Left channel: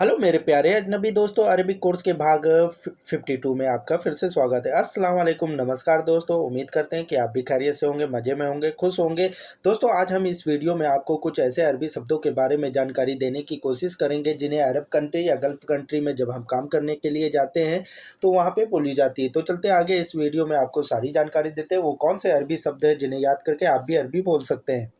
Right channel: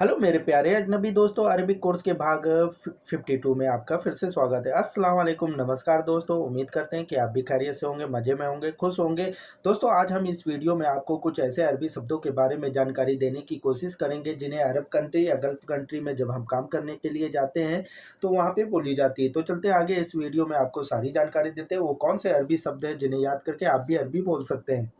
Hello मेरे प्यारे अजनबी दोस्तों, अरबिक कोर्स के भाग 52 में आपका फिर से स्वागत है। अस्सलाम वालेकुम, नमस्कार दोस्तों। उम्मीद करते हैं कि आप भी खैरियत से होंगे, मज़े में होंगे, खुश होंगे। दोस्तों, आज हम इस वीडियो में आपको कुछ ऐसे अरबी शब्दों के बारे में जानकारी देने की कोशिश करेंगे जिन्हें अरब कंट्री या गल्फ़ कंट्री में जब हम काम करने के लिए जाते हैं तो वहाँ पे बोली जाती है। तो चलते हैं आगे, इस वीडियो में आपको सारी जानकारी देते हैं वो कौन से अरबी शब्द हैं जिन्हें याद करके आप भी अरबी बोल सकते हैं।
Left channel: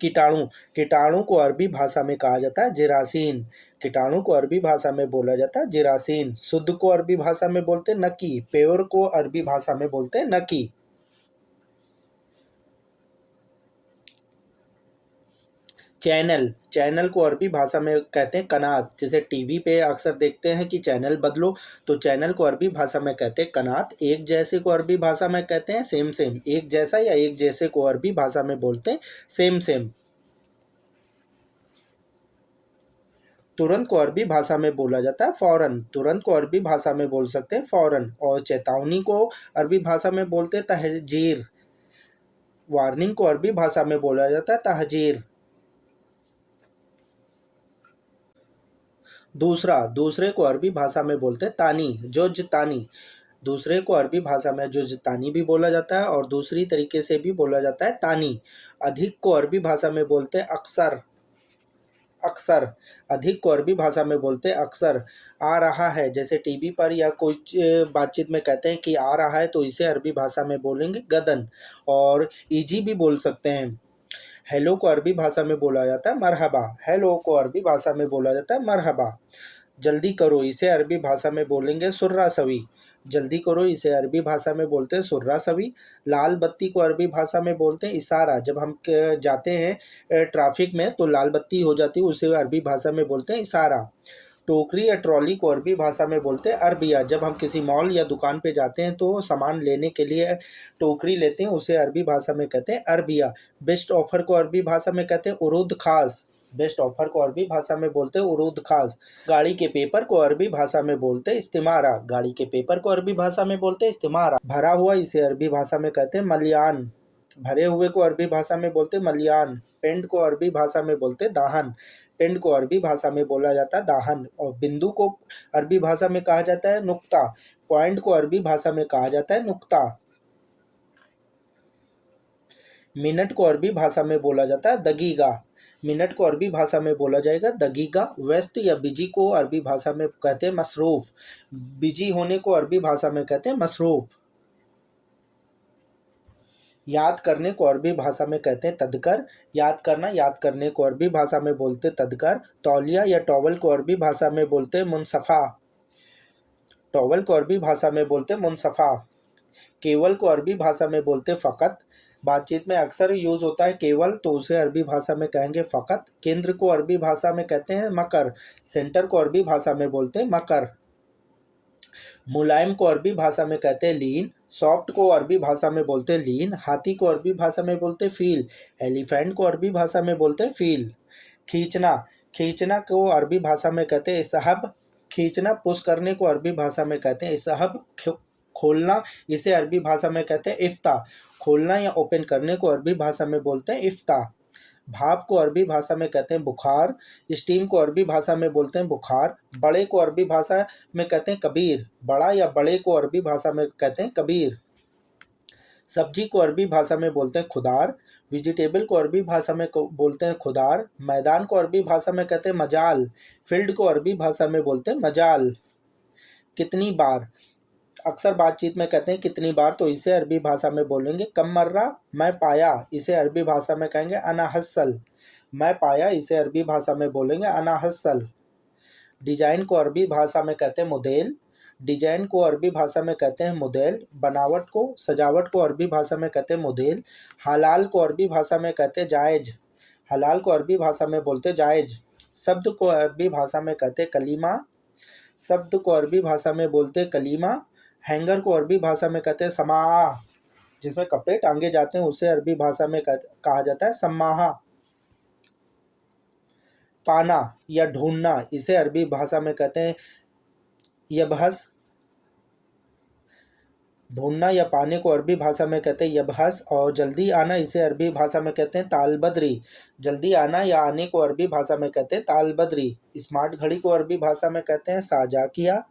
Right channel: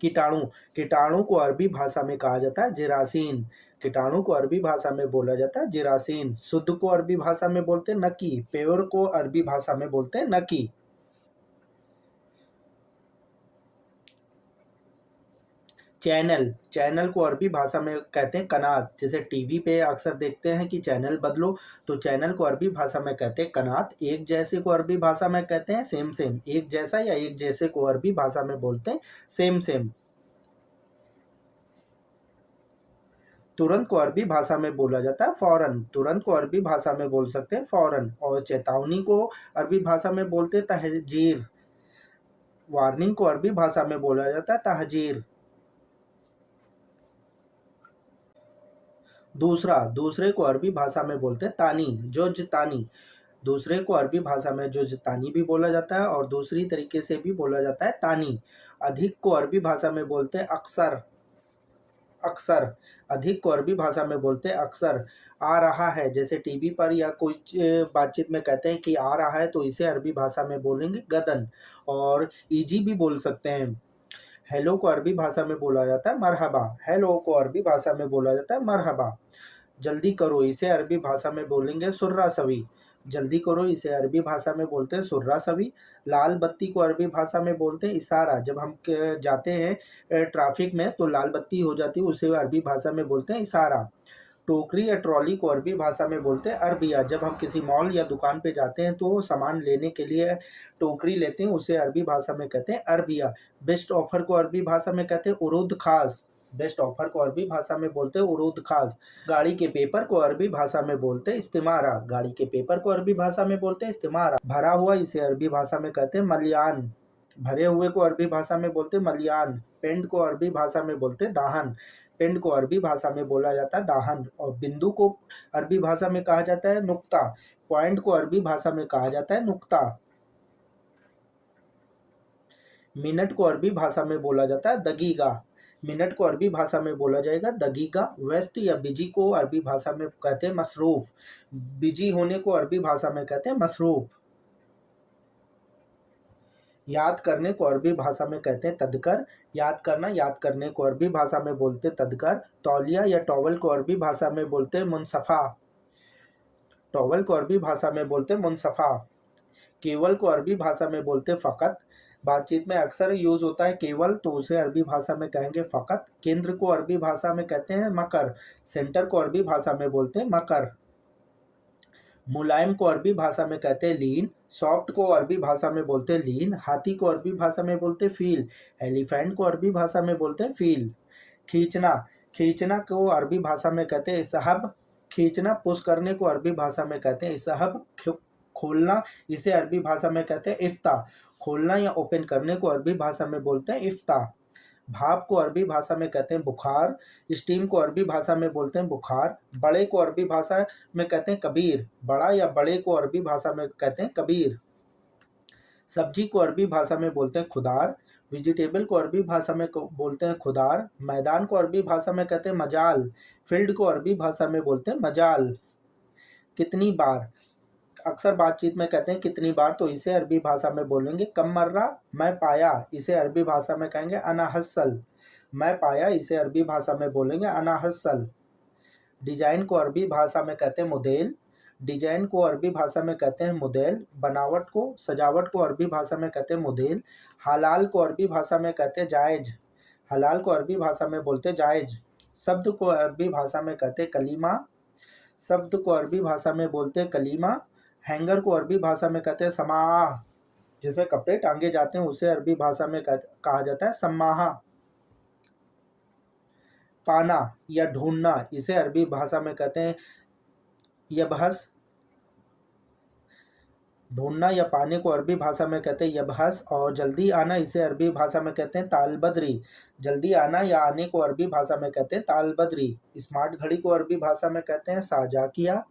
कीटाणु, कीटाणु को अरबी भाषा में कहा जाता है जेरासीन। कीटाणु को अरबी भाषा में बोला जाता है जेरासीन। शुद्ध को अरबी भाषा में बोलते हैं नकी। प्योर को अरबी भाषा में बोलते हैं नकी। चैनल, चैनल को अरबी भाषा में कहते हैं कनात। जैसे टीवी पे अक्सर देखते हैं कि चैनल बदलो, तो चैनल को अरबी भाषा में कहते हैं कनात। एक जैसे को अरबी भाषा में कहते हैं सेम सेम। एक जैसा या एक जैसे को अरबी भाषा में बोलते हैं सेम सेम। तुरंत को अरबी भाषा में बोला जाता है फ़ौरन। तुरंत को अरबी भाषा में बोल सकते हैं फ़ौरन। और चेतावनी को अरबी भाषा में बोलते हैं तहज़ीर। वार्निंग को अरबी भाषा में बोला जाता है तहज़ीर। दूसरा, दूसरे को अरबी भाषा में बोलते हैं तानी, जुज़्तानी। दूसरे को अरबी भाषा में जुज़्तानी भी बोला जाता है और दूसरी तरीके से भी बोला जाता है तानी। अधिक को अरबी भाषा में बोलते हैं अक्सर, अक्सर। अधिक को अरबी भाषा में बोलते हैं अक्सर। आ रहा है, जैसे टीवी पर या कुछ बातचीत में कहते हैं कि आ रहा है, तो इसे अरबी भाषा में बोलेंगे गदन। और ईजी भी बोल सकते हैं। हेलो को अरबी भाषा में बोला जाता है मरहबा। हेलो को अरबी भाषा में बोला जाता है मरहबा। जल्दी करो, इसे अरबी भाषा में बोलेंगे सुर्रा सवी। जल्दी करो, इसे अरबी भाषा में बोलते हैं सुर्रा सवी। लाल बत्ती को अरबी भाषा में बोलते हैं इशारा। जब हम जाते हैं ट्रैफिक में तो लाल बत्ती हो जाती है, उसे अरबी भाषा में बोलते हैं इशारा। टोकरी या ट्रॉली को अरबी भाषा में बोलते हैं अरबिया। जब हम किसी मॉल या दुकान पे जाते हैं तो सामान लेने के लिए टोकरी लेते हैं, उसे अरबी भाषा में कहते हैं अरबिया। बेस्ट ऑफ़र को अरबी भाषा में कहते हैं उरूद ख़ास। बेस्ट ऑफ़र को अरबी भाषा में बोलते हैं उरूद ख़ास। गाड़ी के पेपर को अरबी भाषा में बोलते हैं इस्तिमारा। गाड़ी के पेपर को अरबी भाषा में बोलते हैं इस्तिमारा। भरा हुआ, इसे अरबी भाषा में कहते हैं मलयान। भरे हुए को अरबी भाषा में बोलते हैं मलयान। पेंड को अरबी भाषा में बोलते हैं दाहन। पेंड को अरबी भाषा में बोला जाता है दाहन। और बिंदु को अरबी भाषा में कहा जाता है नुक्ता। पॉइंट को अरबी भाषा में कहा जाता है नुक्ता। मिनट को अरबी भाषा में बोला जाता है दगीगा। मिनट को अरबी भाषा में बोला जाएगा दगीगा। व्यस्त या बिजी को अरबी भाषा में कहते हैं मसरूफ़। बिजी होने को अरबी भाषा में कहते हैं मसरूफ़। याद करने को अरबी भाषा में कहते हैं तदकर। याद करना, याद करने को अरबी भाषा में बोलते तदकर। तौलिया या टॉवल को अरबी भाषा में बोलते मुनसफ़ा। टॉवल को अरबी भाषा में बोलते मुनसफ़ा। केवल को अरबी भाषा में बोलते फ़कत। बातचीत में अक्सर यूज़ होता है केवल, तो उसे अरबी भाषा में कहेंगे फ़कत। केंद्र को अरबी भाषा में कहते हैं मकर। सेंटर को अरबी भाषा में बोलते हैं मकर। मुलायम को अरबी भाषा में कहते हैं लीन। सॉफ्ट को अरबी भाषा में बोलते हैं लीन। हाथी को अरबी भाषा में बोलते हैं फ़ील। एलिफेंट को अरबी भाषा में बोलते हैं फ़ील। खींचना, खींचना को अरबी भाषा में कहते हैं इसहब। खींचना, पुश करने को अरबी भाषा में कहते हैं इसहब। खोलना, इसे अरबी भाषा में कहते हैं इफ्ता। खोलना या ओपन करने को अरबी भाषा में बोलते हैं इफ्ता। भाप को अरबी भाषा में कहते हैं बुखार। स्टीम को अरबी भाषा में बोलते हैं बुखार। बड़े को अरबी भाषा में कहते हैं कबीर। बड़ा या बड़े को अरबी भाषा में कहते हैं कबीर। सब्जी को अरबी भाषा में बोलते हैं खुदार। वेजिटेबल को अरबी भाषा में बोलते हैं खुदार। मैदान को अरबी भाषा में कहते हैं मजाल। फील्ड को अरबी भाषा में बोलते हैं मजाल। कितनी बार, अक्सर बातचीत में कहते हैं कितनी बार, तो इसे अरबी भाषा में बोलेंगे कम मर्रा। मैं पाया, इसे अरबी भाषा में कहेंगे अना हस्सल। मैं पाया, इसे अरबी भाषा में बोलेंगे अना हस्सल। डिजाइन को अरबी भाषा में कहते हैं मुदेल। डिजाइन को अरबी भाषा में कहते हैं मुदेल। बनावट को, सजावट को अरबी भाषा में कहते हैं मुदेल। हलाल को अरबी भाषा में कहते हैं जायज़। हलाल को अरबी भाषा में बोलते हैं जायज़। शब्द को अरबी भाषा में कहते हैं कलीमा। शब्द को अरबी भाषा में बोलते हैं कलीमा। हैंगर को अरबी भाषा में कहते हैं समाह। जिसमें कपड़े टांगे जाते हैं उसे अरबी भाषा में कहा जाता है सम्माहा। पाना या ढूंढना, इसे अरबी भाषा में कहते हैं यबहस। ढूंढना या पाने को अरबी भाषा में कहते हैं यबहस, और जल्दी आना इसे अरबी भाषा में कहते हैं तालबद्री। जल्दी आना या आने को अरबी भाषा में कहते हैं तालबद्री। स्मार्ट घड़ी को अरबी भाषा में कहते हैं साजाकिया।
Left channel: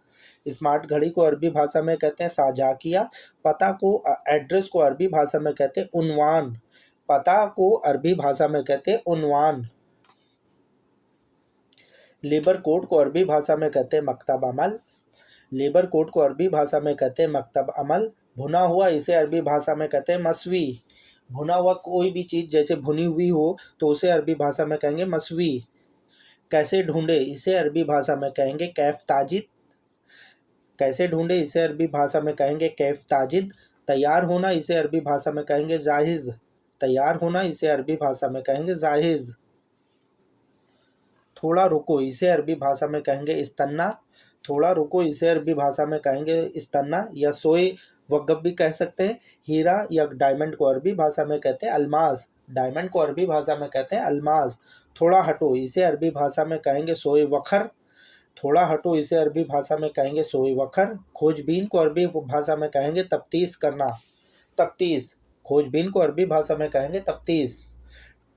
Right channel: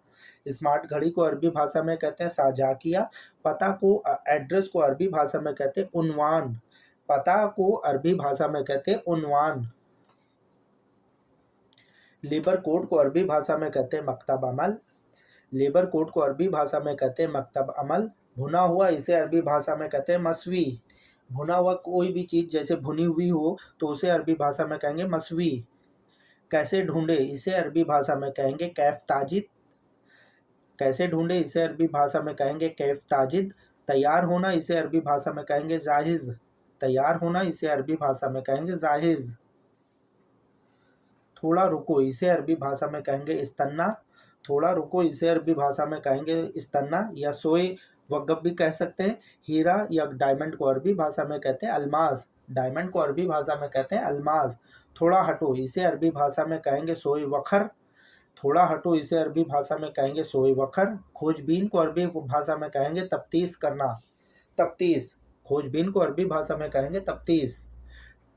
स्मार्ट घड़ी को अरबी भाषा में कहते हैं साजाकिया। पता को एड्रेस को अरबी भाषा में कहते हैं उन्वान। पता को अरबी भाषा में कहते हैं उन्वान। लेबर कोड को अरबी भाषा में कहते हैं मकतब अमल। लेबर कोड को अरबी भाषा में कहते हैं मकतब अमल। भुना हुआ इसे अरबी भाषा में कहते हैं मसवी। भुना हुआ कोई भी चीज़ जैसे भुनी हुई हो तो उसे अरबी भाषा में कहेंगे मसवी। कैसे ढूंढे इसे अरबी भाषा में कहेंगे कैफ ताजिद। कैसे ढूंढे इसे अरबी भाषा में कहेंगे कैफ ताजिद। तैयार होना इसे अरबी भाषा में कहेंगे जाहिज़। तैयार होना इसे अरबी भाषा में कहेंगे जाहिज़। थोड़ा रुको इसे अरबी भाषा में कहेंगे इस्तन्ना। थोड़ा रुको इसे अरबी भाषा में कहेंगे इस्तन्ना या सोए वक़्फ़ भी कह सकते हैं। हीरा या डायमंड को अरबी भाषा में कहते हैं अलमास। डायमंड को अरबी भाषा में कहते हैं अलमास। थोड़ा हटो इसे अरबी भाषा में कहेंगे सोए वखर। थोड़ा हटो इसे अरबी भाषा में कहेंगे सोए वखर। खोजबीन को अरबी भाषा में कहेंगे तफ्तीश करना। तफ्तीश। खोजबीन को अरबी भाषा में कहेंगे तफ्तीश।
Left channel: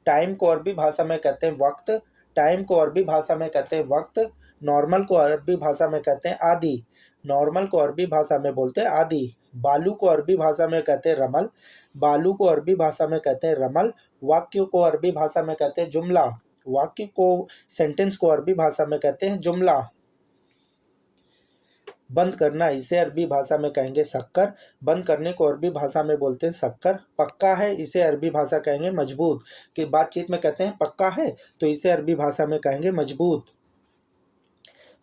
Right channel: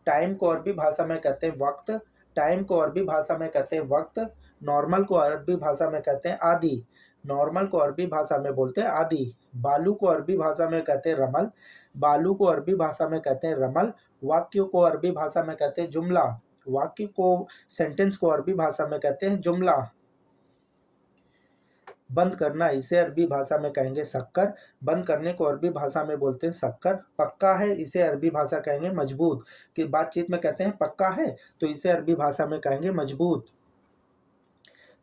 टाइम को अरबी भाषा में कहते हैं वक्त। टाइम को अरबी भाषा में कहते हैं वक्त। नॉर्मल को अरबी भाषा में कहते हैं आदि। नॉर्मल को अरबी भाषा में बोलते हैं आदि। बालू को अरबी भाषा में कहते हैं रमल। बालू को अरबी भाषा में कहते हैं रमल। वाक्य को अरबी भाषा में कहते हैं जुमला। वाक्य को सेंटेंस को अरबी भाषा में कहते हैं जुमला। बंद करना इसे अरबी भाषा में कहेंगे शक्कर। बंद करने को अरबी भाषा में बोलते हैं शक्कर। पक्का है इसे अरबी भाषा कहेंगे मजबूत। कि बातचीत में कहते हैं पक्का है तो इसे अरबी भाषा में कहेंगे मजबूत।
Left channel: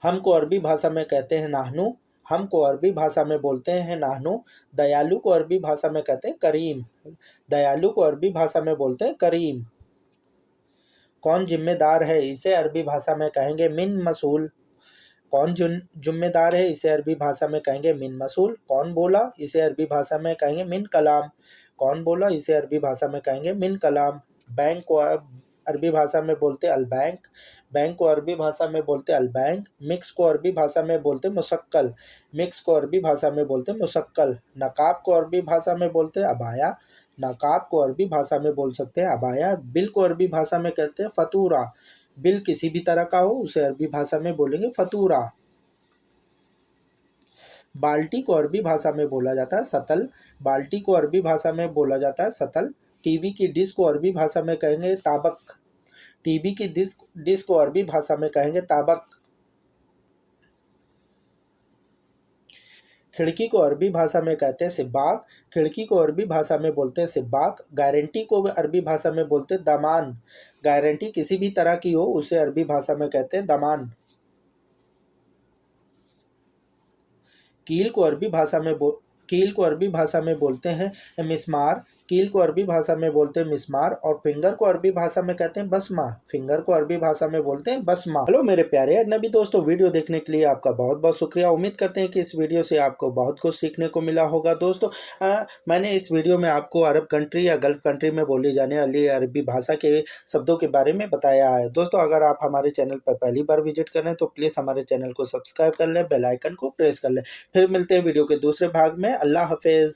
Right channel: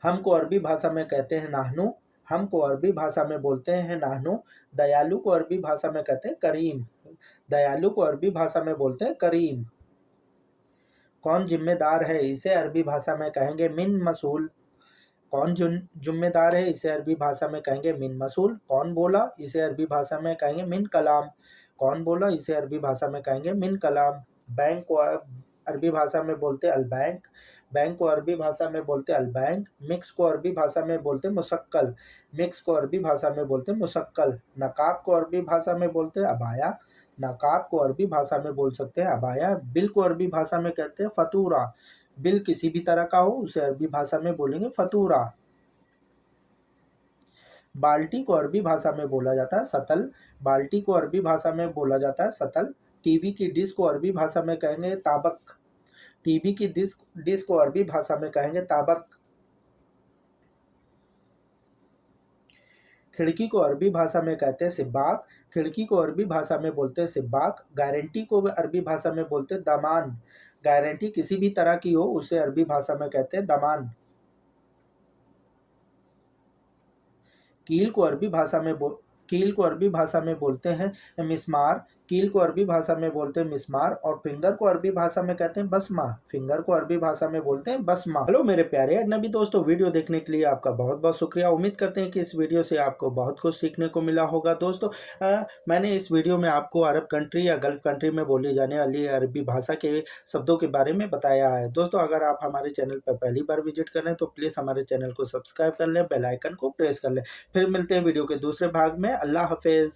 हम को अरबी भाषा में कहते हैं नाहनु। हम को अरबी भाषा में बोलते हैं नाहनु। दयालु को अरबी भाषा में कहते हैं करीम। दयालु को अरबी भाषा में बोलते हैं करीम। कौन जिम्मेदार है इसे अरबी भाषा में कहेंगे मिन मसूल। कौन जिम्मेदार है इसे अरबी भाषा में कहेंगे मिन मसूल। कौन बोला इसे अरबी भाषा में कहेंगे मिन कलाम। कौन बोला इसे अरबी भाषा में कहेंगे मिन कलाम। बैंक को अरबी भाषा में बोलते अल बैंक। बैंक को अरबी भाषा में बोलते अल बैंक। मिक्स को अरबी भाषा में बोलते मुशक्कल। मिक्स को अरबी भाषा में बोलते मुशक्कल। नकाब को अरबी भाषा में बोलते अबाया। नकाब को अरबी भाषा में बोल सकते हैं अबाया। बिल को अरबी भाषा में कहते हैं फतूरा। बिल किसी भी तरह का हो उसे अरबी भाषा में बोलेंगे फतूरा। बाल्टी को अरबी भाषा में बोला जाता है सतल। बाल्टी को अरबी भाषा में बोला जाता है सतल। टीवी की डिश को अरबी भाषा में कहेंगे ताबक। टीवी की डिश को अरबी भाषा में कहेंगे ताबक। खिड़की को अरबी भाषा में कहते हैं सिब्बाक। खिड़की को अरबी भाषा में बोलते हैं सिब्बाक। गारंटी को अरबी भाषा में बोलते हैं दामान। गारंटी किसी भी तरह की हो उसे अरबी भाषा में कहते हैं दामान। कील को अरबी भाषा में बोलते हैं मिस्मार। कील को अरबी भाषा में बोलते हैं मिस्मार। और फिंगर को अरबी भाषा में कहते हैं बसमा। फिंगर को अरबी भाषा में बोलते हैं बसमा। हेलो मेरे प्यारे अजनबी दोस्तों, वीडियो देखने के लिए आपका बहुत बहुत शुक्रिया। उम्मीद करते हैं कि इस वीडियो से आपको बहुत कुछ सीखने को मिला होगा। दोस्तों मैंने इस वीडियो में आपको अरब कंट्री या गल्फ कंट्री में बोली जाने वाली अरबी भाषा के शब्दों के बारे में बताया है। दोस्तों अगर आप हमारे चैनल पर पहली बार विजिट कर रहे हैं तो प्लीज़ हमारे चैनल को सब्सक्राइब कर लें, बेल आइकन को प्रेस कर लें। फिर मिलते हैं वीडियो के दूसरे भाग में। अल्लाह हाफिज़।